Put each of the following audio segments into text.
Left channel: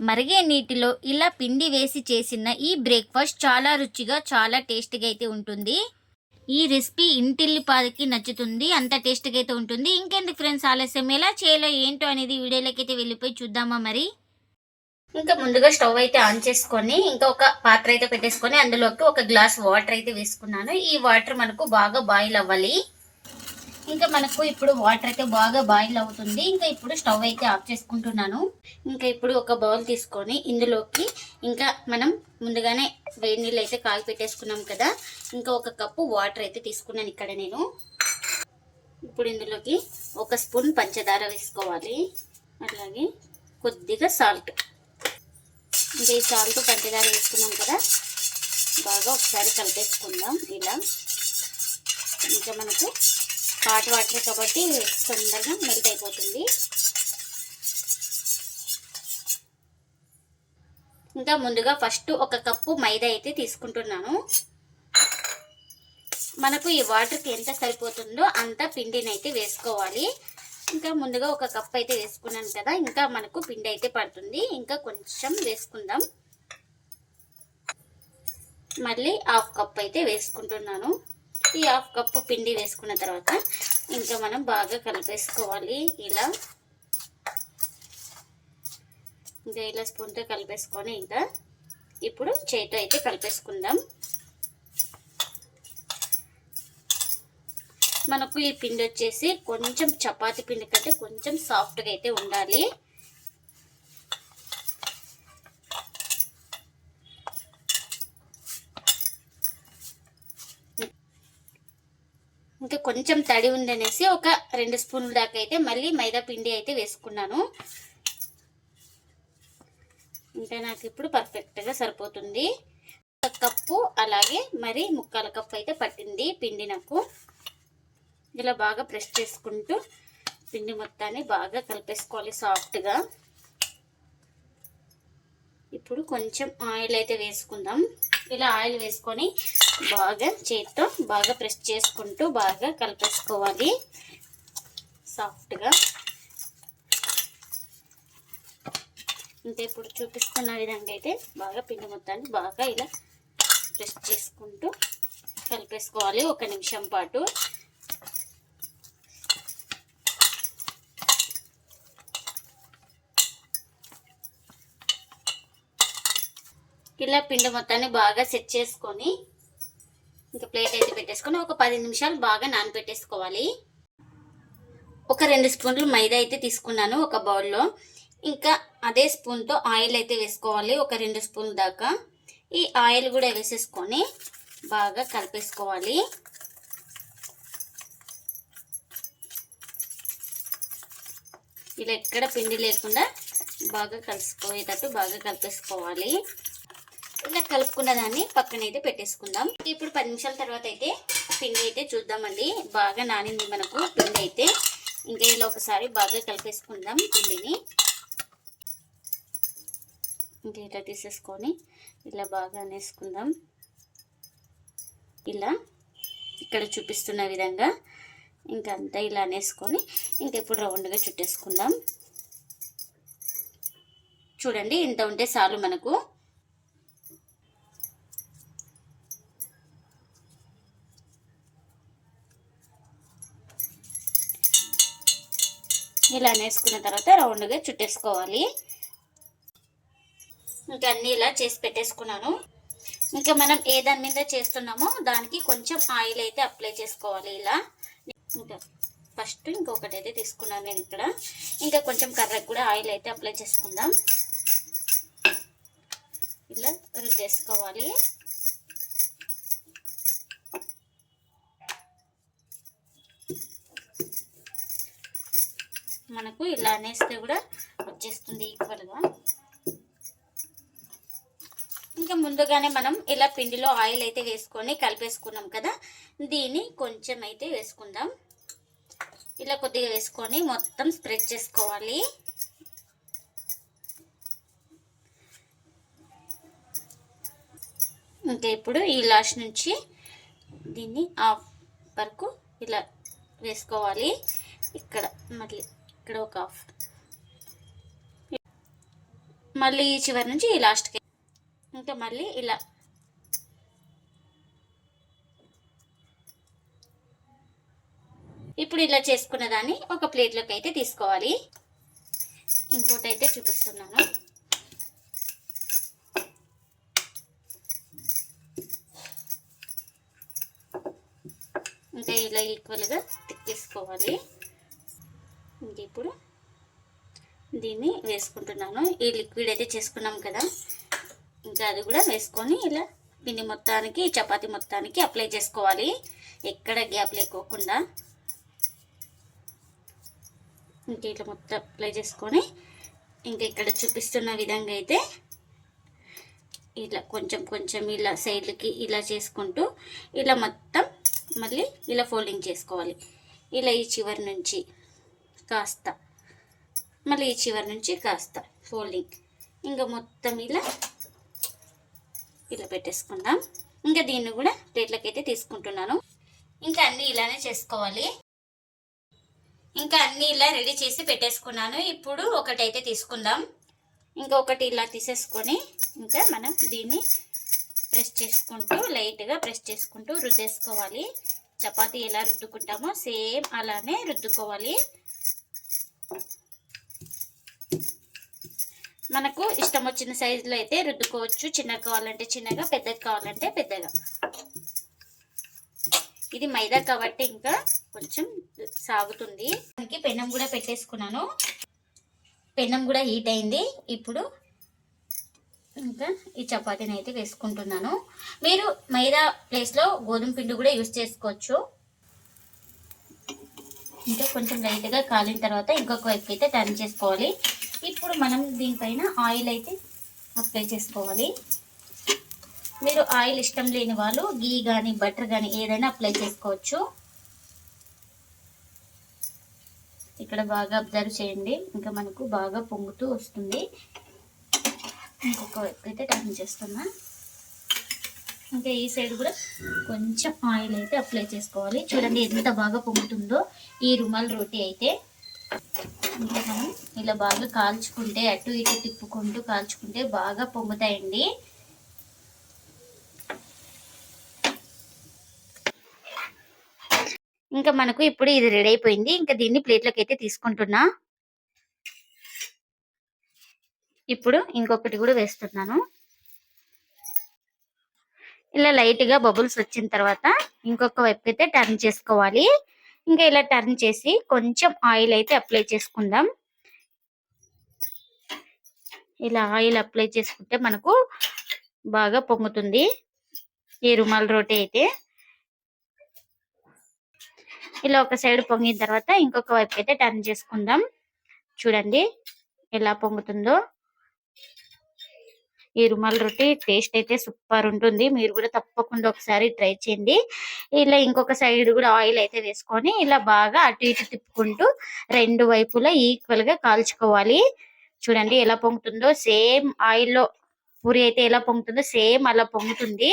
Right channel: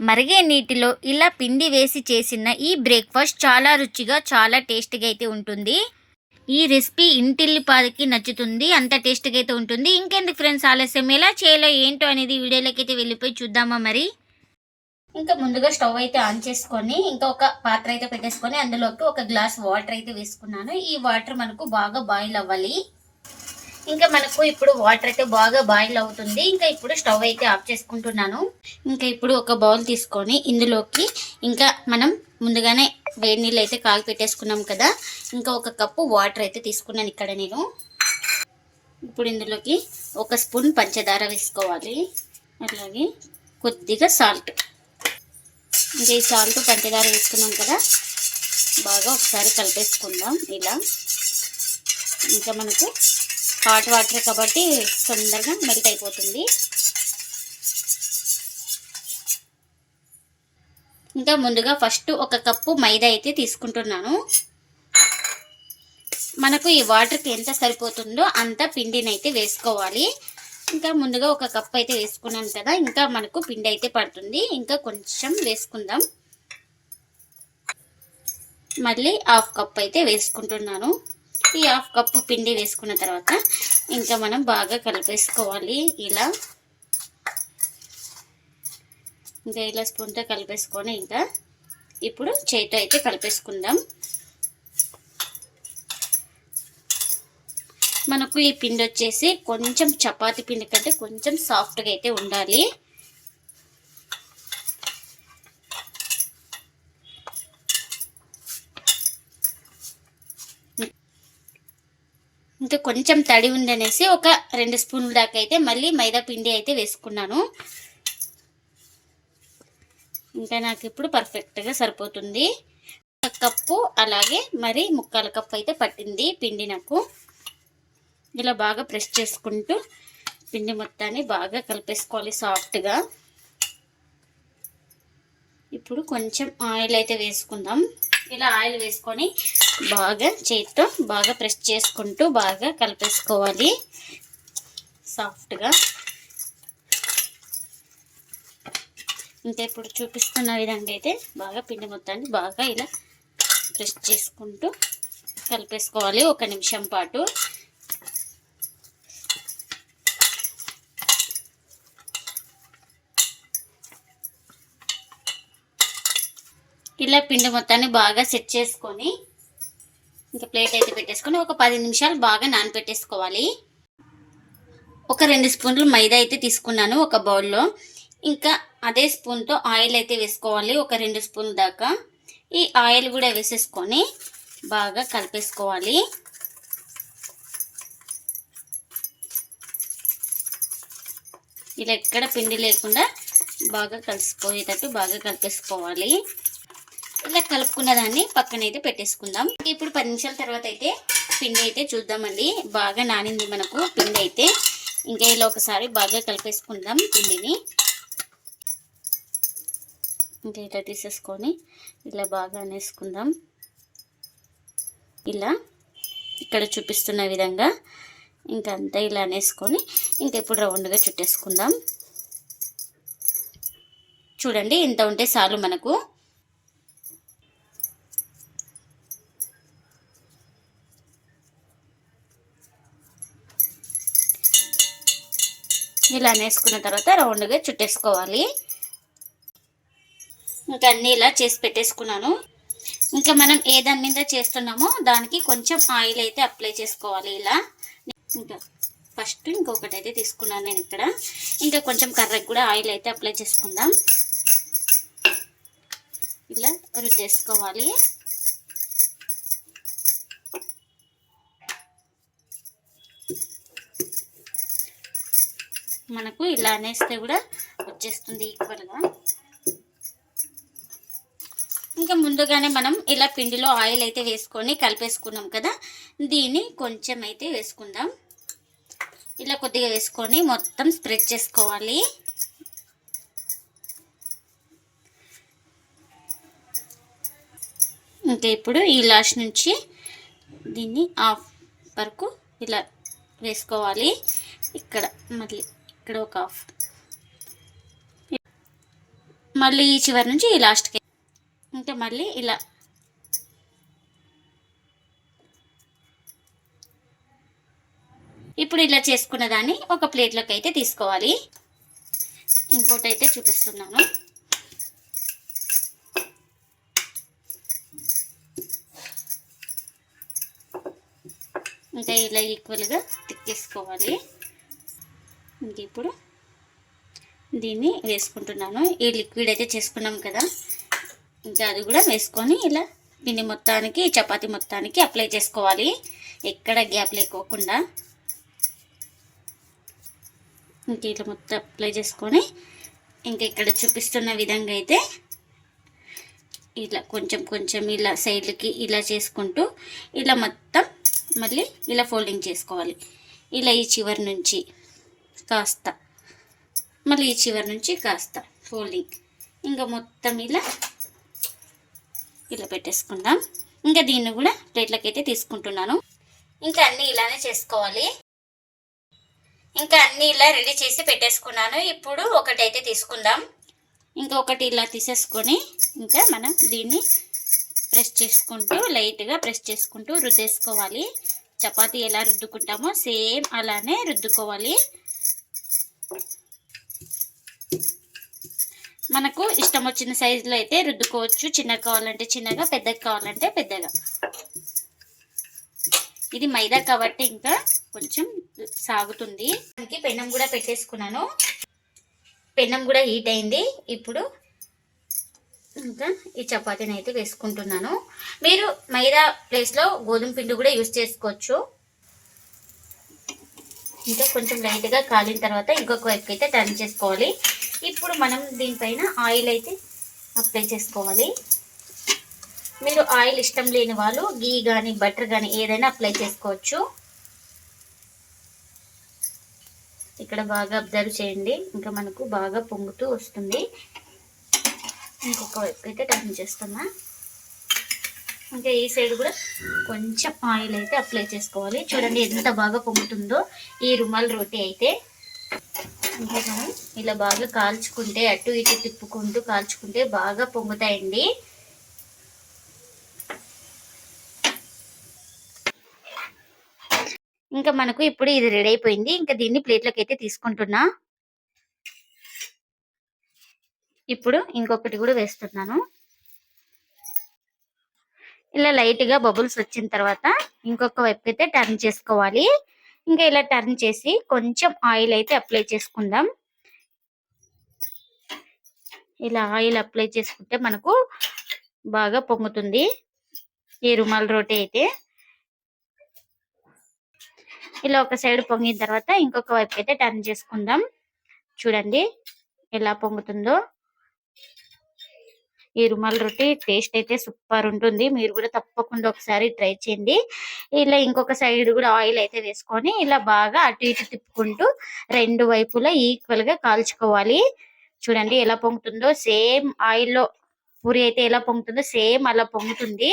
మరిగే నీటిలో ఇలా పిండి వేసి చేసిన ఈ బ్రేక్ఫాస్ట్ చాలా రుచిగా చాలా టేస్టీగా అయితే ఉంటుంది. ఈ రెసిపీ ఇంటిల్లిపాదికి నచ్చుతుంది అంత టేస్ట్గా అయితే ఉంటుంది. ఇంకెందుకు ఫ్రెండ్స్ ఆలస్యం ఎలా చేయాలో ఏంటో అనేది వీడియోలోకి అయితే వెళ్ళిపోయి చూద్దామా మరి? ఇంకా ముందుగా స్టవ్ అయితే ఆన్ చేసుకొని ఇంకా ఒక పాత్ర అయితే పెట్టేసుకొని అందులోకి ఒక గ్లాస్ వాటర్ అయితే వేసుకున్నాను. ఈ వాటర్ మనకు బాగా బాయిల్ అవ్వాలి. ఇంకా మనకు ఇప్పుడు వాటర్ అయితే బాగా బాయిల్ అవుతుంది. ఇంకా ఇప్పుడు స్టవ్ అయితే ఆఫ్ చేసుకుంటున్నాను. ఇంకా ఇప్పుడు ఒక బౌల్ తీసుకొని ఇందులోకి ఇంకా మనం ముందుగానే వేడి నీళ్ళు అయితే కాగి పెట్టేసుకున్నాం కదా. ఇంకా ఒక కప్పు వాటర్ అయితే తీసుకున్నాను ఇక్కడ నేను. ఇప్పుడు ఇందులోకి ఒక స్పూన్ పంచదార వేసుకోవాలి. అలాగే కొద్దిగా సాల్ట్ ఇంకా ఈ సాల్ట్ పంచదార వేసుకున్నాం కదా. బాగా ఒకసారి కలిపేసుకుందాం ఇలా. ఇంకా మనకు హాట్ వాటర్ కాబట్టి తొందరగా మెల్ట్ అయిపోతుంది ఇంకా ముందుగా ఫస్ట్ ఒక కప్పు మైదా అయితే తీసుకుంటున్నాను. మనకు ఈ వాటర్కి ఎంత సరిపోతుందో అంత పిండిని అయితే వేసుకోవాలి. ఇంకా ముందుగా ఒక కప్ అయితే వేసుకున్నాను కదా ఇంకా మనకు పిండి అయితే పడుతుంది. ఇంకా కొంచెం వేసుకుందాం. మళ్ళీ హాఫ్ కప్ అయితే వేసుకుంటున్నాను. ఈ హాఫ్ కప్పు పిండి వేసుకున్న తర్వాత ఇంకా మనం బాగా కలిపేసుకోవాలి. ఇలా ఇంకా ఇలా స్పూన్తో కలిపేసుకొని ఇంకా ఇప్పుడు చేతితో అయితే కలిపేసుకుందాం. మనకు ఈ పిండి వచ్చేసి కొంచెం చపాతి పిండి కంటే కొంచెం సాఫ్ట్గా అయితే ఉండాలి. ఇంకా కొంచెం తడి ఉందనేసి ఒక రెండు స్పూన్ల దాకా అయితే మళ్ళీ మైదా పిండి అయితే వేసుకున్నాను. ఇంకా నాకు ఇప్పుడు పర్ఫెక్ట్గా సరిపోతుంది. కప్పు అలాగే మరి ముక్కాల కప్పు అయితే పట్టింది పిండి నాకు. ఇలా బాగా ప్రెస్ చేసుకుంటూ పిండి మొత్తాన్ని బాగా కలిపేసుకోవాలి సాఫ్ట్గా ఇప్పుడు కొంచెం ఆయిల్ అయితే వేసుకుందాం. ఇలా ఆయిల్ వేసుకొని బాగా చేతితో బాగా ప్రెస్ చేసుకుంటూ బాగా కలిపేసుకోవాలి. సాఫ్ట్గా. ఇంకా ఇప్పుడు చూపిస్తున్న విధంగా అయితే బాగా పిండి మొత్తాన్ని బాగా ఇలా ప్రెస్ చేసుకుంటూ కలిపేసుకోవాలి. ఒక నిమిషం పాటు. ఇలా పిండి మొత్తాన్ని బాగా సెట్ చేసుకొని ఇంకా ప్లేట్ అయితే పెట్టేసుకొని ఒక పది నిమిషాలు బాగా నానపెట్టేసుకోవాలి. ఒక రెండు స్పూన్లు మైదా అయితే తీసుకున్నాను ఒక బౌల్లో ఇంకా అదే స్పూన్తో ఆయిల్ అయితే వేసుకోవాలి ఒక రెండు స్పూన్ దాకా. ఈ ఆయిల్ కూడా వేసేసుకొని బాగా కలిపేసుకోవాలి. ఇలా ఎక్కడ పిండి లేకుండా బాగా కలిసిపోయేటట్టు బాగా కలిపేసుకోవాలి. ఇలా కలుపుకున్న దాన్ని పక్కన అయితే పెట్టేసుకుందాం. ఇప్పుడు పది నిమిషాల తర్వాత అయితే పిండి అయితే చూద్దామండి. బాగా నానింది మనకు పిండి అయితే. ఇంకా ఇలా ఒకసారి బాగా కలిపేసుకుందాం పిండిని. ఇంకా ఇలా తీసేసుకొని ఇలా బాగా అనేసుకుందాం. ఇలా ఇక్కడ చూపిస్తున్న విధంగా ఇంకా అంతా ఇలా అనేసుకొని ఇంకా ఇప్పుడు రౌండ్గా చుట్టేసుకుందాం. చూడండి ఇంత ఉంటే చాలు మనకు. ఇలా వేసుకున్న తర్వాత రౌండ్గా చుట్టేసుకోవాలి. ఇంకా అన్నీ ఇలా చేసి పెట్టేసుకున్నాను. ఇంకా మనం ఏ దాని మీద చేస్తున్నామో దానికి కొంచెం ఆయిల్ అయితే అప్లై చేసుకోవాలి ఇలా. ఇంకా ఫస్ట్ ఇంకొకటి అయితే తీసుకున్నాను నేను ఇక్కడ. ఇంకా కొంచెం కర్రకు కూడా ఆయిల్ అయితే అప్లై చేసుకుందాం. ఇలా రుద్దేసుకోవాలి. మనకు ఇలా అనేస్తే కూడా వచ్చేస్తుంది ఈక్వల్గా ఇంకా ముందుగానే మనం ఇలా పిండిలో ఆయిల్ అయితే వేసుకొని కలిపేసుకున్నాం కదా దీన్ని కొంచెం అయితే వేసుకుందాం. ఇలా కొద్దిగా వేసుకొని మొత్తం స్ప్రెడ్ చేసుకోవాలి. ఇంకా ఇప్పుడు ఈ లాస్ట్ నుంచి దీన్ని ఆఫ్ వరకు ఇలా వేసుకోవాలి. ఇక్కడ మళ్ళీ ఇక్కడ ఒక హాఫ్. మళ్ళీ ఈ చివరి నుంచి ఈ లాస్ట్కి ఇంకా మళ్ళీ ఇలా. ఇప్పుడు ఇలా చేసుకున్న దాన్ని ఒక ప్లేట్లోకి అయితే తీసుకోవాలి. ఇంకోటి అయితే చూపిస్తున్నాను. ఇంకా ఇలా ఈక్వల్గా తిక్కేసుకోవాలి. ఇంక ఇప్పుడు దీన్ని వేసుకుంటున్నాను. ఈ లిక్విడ్ అయితే చేసుకున్నాం కదా. ఇంకా అది కూడా వేసుకొని ఇలా పిండి మొత్తానికి చపాతీ మొత్తానికి అప్లై చేసుకోవాలి. ఎక్కడ గ్యాప్ లేకోకుండా. ఇంక ఇట్లా మొత్తం అప్లై చేసుకొని ఇంకా ఇక్కడ చూపిస్తున్న విధంగా అయితే ఇలా కొంచెం కొంచెం ఇలా సైడ్లకి ఇలా చేసుకుంటూ ఇలా మొత్తం మళ్ళీ ఇలా ఫోల్డింగ్ చేసుకోవాలి. ఇలా ఈ చివరి నుంచి. కాస్త. మళ్ళీ ఈ చివరి నుంచి కాస్త ఫోల్డింగ్. ఇంకా మొత్తం ఇలా ఇలా పెట్టేసుకుందాం. ఇంకా దీన్ని కూడా ప్లేట్లకి అయితే తీసుకుంటున్నాను. ఇంకా అన్నీ ఇలానే చేసుకోవాలి. ఇంకా అన్నీ ఇలా రెడీ చేసి పెట్టేసుకున్నాను. ఇప్పుడు ఒకటైతే తీసుకుందాం. ఇంకొకటి ఇలా తీసేసుకొని ఇంకా మనం దీన్ని ప్రెస్ చేసుకుంటూ లైట్గా ప్రెస్ చేసుకుంటూ రుద్దేసుకోవాలి. చపాతీ ఎలా రుద్దుకుంటామో సేమ్ అలానే రుద్దుకోవాలి. మనకు ఇష్టం వచ్చిన సైజులో అయితే రుద్దుకోవచ్చు. చిన్నగా కావాలంటే చిన్నగా పెద్దగా కావాలంటే పెద్దగా. ఇది మైదా కాబట్టి ఇంకా కొంచెం సాగుతుంది. దానికి పెనం కూడా పెట్టేసుకున్నాను. పెనం కూడా హీట్ అయింది. ఇప్పుడు ఇంకా ఈ చపాతీని అయితే వేసుకుంటున్నాను. మీరు మైదా ప్లేస్లో గోధుమ పిండి కూడా యూస్ చేసుకోవచ్చు. ఇంకా కొంచెం లైట్గా కాలిన తర్వాత ఇంకొక వైపుకి అయితే టర్న్ చేసుకోవాలి. ఇప్పుడు మనం దీనిపైన ఆయిల్ అయితే అప్లై చేసుకోవాలి. మీరు ఆయిల్ ఇష్టం లేని వాళ్ళు గీ కానీ బటర్ కానీ ఏదైనా అప్లై చేసుకోవచ్చు. ఇక్కడ బాగా అబ్జర్వ్ చేయండి. ఇంకా మనకు బాగా పొంగుతూ వస్తుంది. ఇంకొక వైపు అయితే టర్న్ చేస్తున్నా. ఇంకా ఈ సైడ్ కూడా కొంచెం ఆయిల్ అయితే అప్లై చేసుకోవాలి. చూడండి ఎంత బాగా పొంగుతుందో ఈ రుమాల్ రోటీ అయితే. ఇలా బాగా కాల్చుకుంటే అటు ఇటు తిప్పుకుంటూ కాల్చుకుంటే బాగా పొంగుతాయండి. ఇంకా మనకు ఇప్పుడు ఇది రెడీ అయిపోయింది. ఇంకా దీన్ని ప్లేట్లోకి అయితే తీసుకుంటున్నా. ఇప్పుడు ఇంకొకటి కూడా వేస్తున్నాను. ఇలా లైట్గా బబుల్స్ వచ్చిన తర్వాత ఇంకొక వైపు అయితే టర్న్ చేసుకోవాలి. ఇంకా ఇలా టర్న్ చేసి కొంచెం ఆయిల్ అయితే అప్లై చేసుకుందాం. ఇలా ఆయిల్ అప్లై చేసుకుంటే మనకు బాగా పొంగుతుంది. ఈ రుమాల్ రోటీ అయితే. ఇలా ఒక సైడ్ పొంగిన తర్వాత ఇంకొక వైపు అయితే టర్న్ చేసుకుందాం. చూడండి ఎలా పొంగుతుందో. ఈ రుమాల్ రొట్టి టేస్ట్ అయితే సూపర్ ఉంటుంది. మీరు కూడా తప్పకుండా ఒకసారి ట్రై చేయండి. ఇలా ఇంకొక సైడ్ కూడా ఆయిల్ అయితే వేసుకొని ఇలా బాగా అటు ఇటు తిప్పుకుంటూ రెండు వైపులా ఈక్వల్గా కాల్చుకోవాలి. చూడండి ఎలా పొంగుతుందో. సేమ్ ఆయిల్లో పూరి అయితే ఎలా పొంగుతుందో సేమ్ అలా పొంగుతుంది.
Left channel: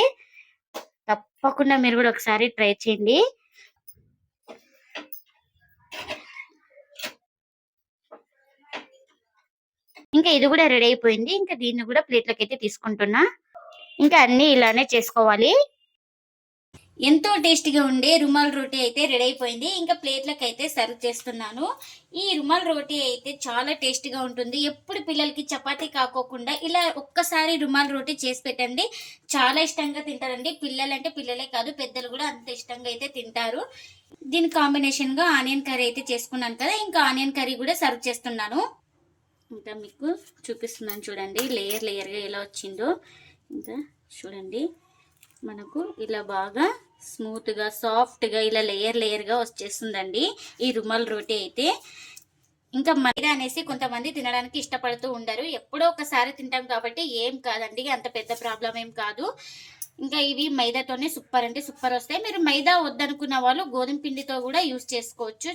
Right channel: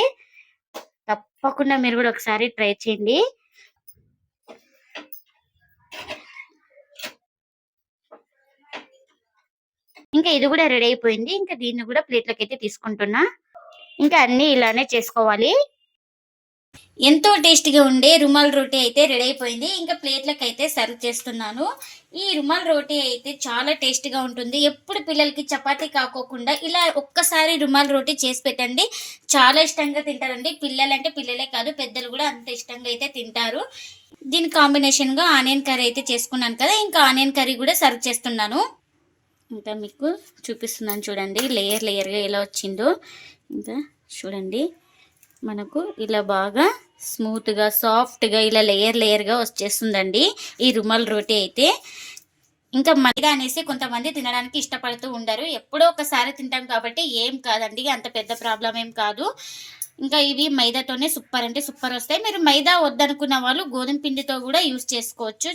తప్పకుండా మీరు కూడా ఒకసారి ట్రై చేయండి. ఇంకా ఇది కూడా రెడీ అయిపోయింది. ఇంకా దీన్ని కూడా ప్లేట్లోకి అయితే తీసుకుంటున్నా. ఇంకా అన్ని ఇలానే చేసుకోవాలి. ఎంతో టేస్టీగా ఉండే రుమాల్ రోటీ అయితే రెడీ అయిపోయింది. ఇంకా ప్లేట్లకు అయితే సర్వ్ చేస్తున్నాను. ఈ రుమాల్ రోటీ అయితే చాలా టేస్టీగా ఉంటుంది. ఎప్పుడు పిల్లలకి చపాతీ కాకోకుండా ఇలా ఒక్కసారి రుమాల్ రోటీ చేసి పెట్టండి. చాలా ఇష్టంగా తింటారండి. పిల్లలంటే పిల్లలే కాదు పెద్దలు కూడా అంత ఇష్టంగా అయితే తింటారు. దీని కాంబినేషన్గా ఆనియన్ కర్రీ అయితే చేసుకున్నాను కదా. ఇంకా ఆనియన్ కర్రీ కూడా సర్వ్ చేస్తున్నాను. ఇంకా మీకు చూపిస్తున్నాను చూడండి. లేయర్ లేయర్గా ఎలా వచ్చిందో. ఇంకా చూడండి. మనకు ఇలా బాగా స్మూత్గా సాఫ్ట్గా ఇలా లేయర్ లేయర్గా వచ్చేస్తుందండి. ఈ రుమాల్ రోటీ అయితే. ఇంకా మైదా అనేసి కొంతమంది తినడానికి ఇష్టపడుతూ ఉండరు. ఎప్పుడో ఒకసారి తింటాం కాబట్టి ఏం కాదండి. అంత పెద్ద ప్రాబ్లం ఏం కాదు. ఇంకా ఇవి మైదాతోనే సూపర్ అంటే సూపర్ వస్తాయి. మీరు మైదా వద్దనుకున్న వాళ్ళు గోధుమ పిండితో కూడా యూస్ చేసుకోవచ్చు.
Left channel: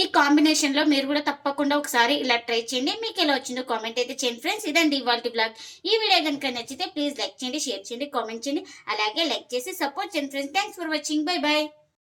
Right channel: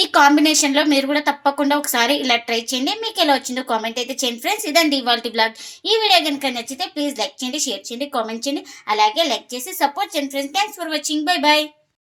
ఈ కాంబినేషన్లో మీరు కూడా తప్పకుండా ఒకసారి ఇలా ట్రై చేయండి. మీకు ఎలా వచ్చిందో కామెంట్ అయితే చేయండి ఫ్రెండ్స్ ఇదండి ఇవాళ బ్లాగ్ ఈ వీడియో కనుక నచ్చితే ప్లీజ్ లైక్ చేయండి షేర్ చేయండి కామెంట్ చేయండి. అలాగే లైక్ చేసి సపోర్ట్ చేయండి friends thanks for watching bye bye